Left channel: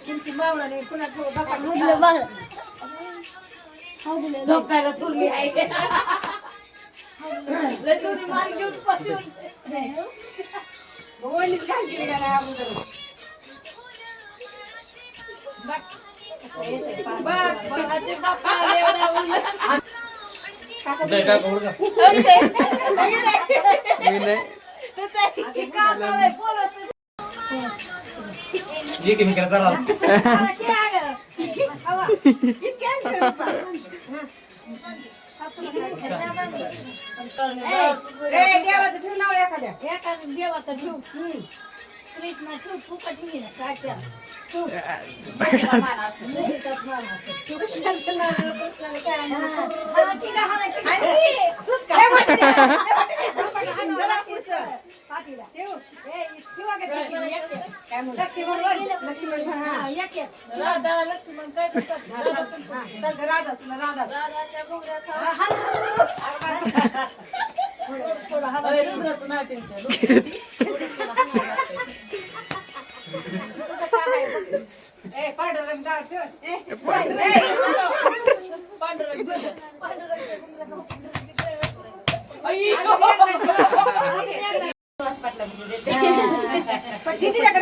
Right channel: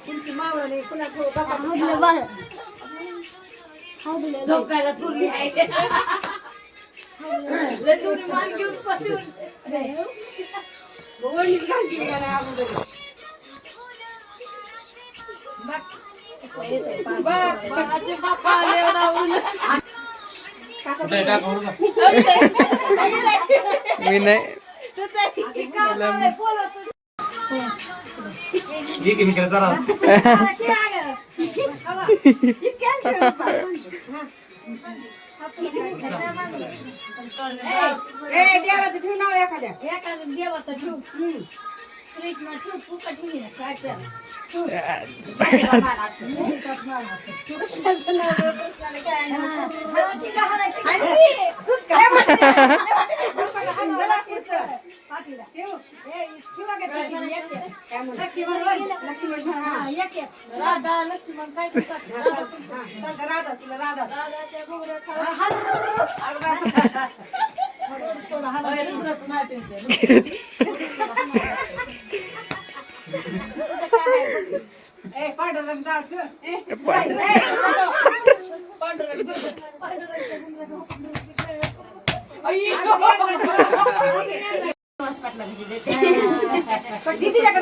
चिंकी मावळा नाही कुणा बघा झोपायला थोरली आहे मार घेऊन पाठवून मी नाही ये की मी करता राव देवाचं ठेव नाव एखाद्या देवाचं ठेव कृष्ण ठेव फुकट ठेवी ना काय कृष्णाचं नाव कृष्णाने काय राधा लक्ष्मण काय राधा तुला राधा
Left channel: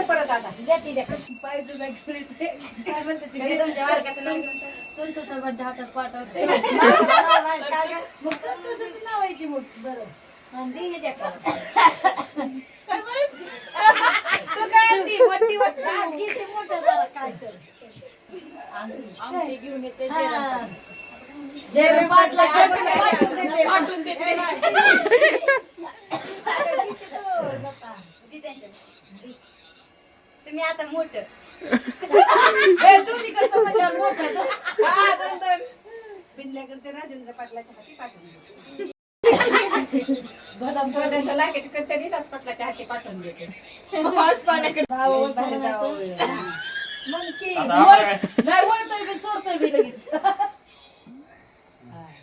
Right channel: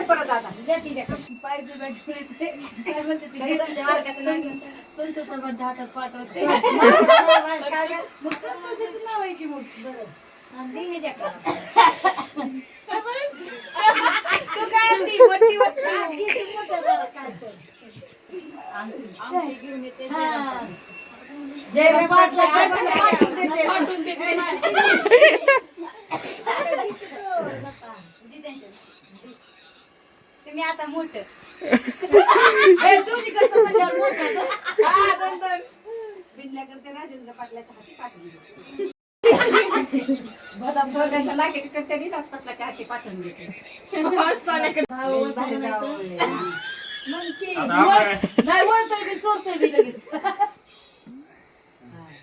परत आता संतोष सर्वांच्या हातात पाठवते मग संतोषाचं नाव आहे की मग बरं काय घेऊन येते तुम्ही आता मोठं बिंदल्याकडे राजेंद्र पाटलाच्या हाती पाठवून बदाम सोड्याच्या लाकेट करते विलास पाटलाच्या हाती पाठवून देते नाही बोलतोय मी सोडतोय मी लगेच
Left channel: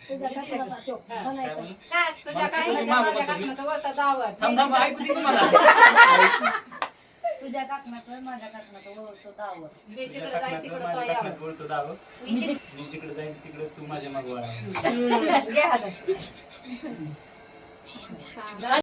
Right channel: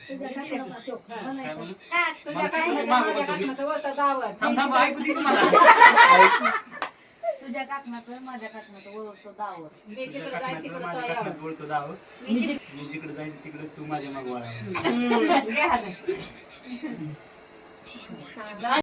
तुझ्या काकणाचं वळता दावत तुझ्या काकणाचं माझ्या काकणाचं वळतो दावत जिकडे जाईल मी जिकडे जाईन तिकडे तू माझ्या मागवा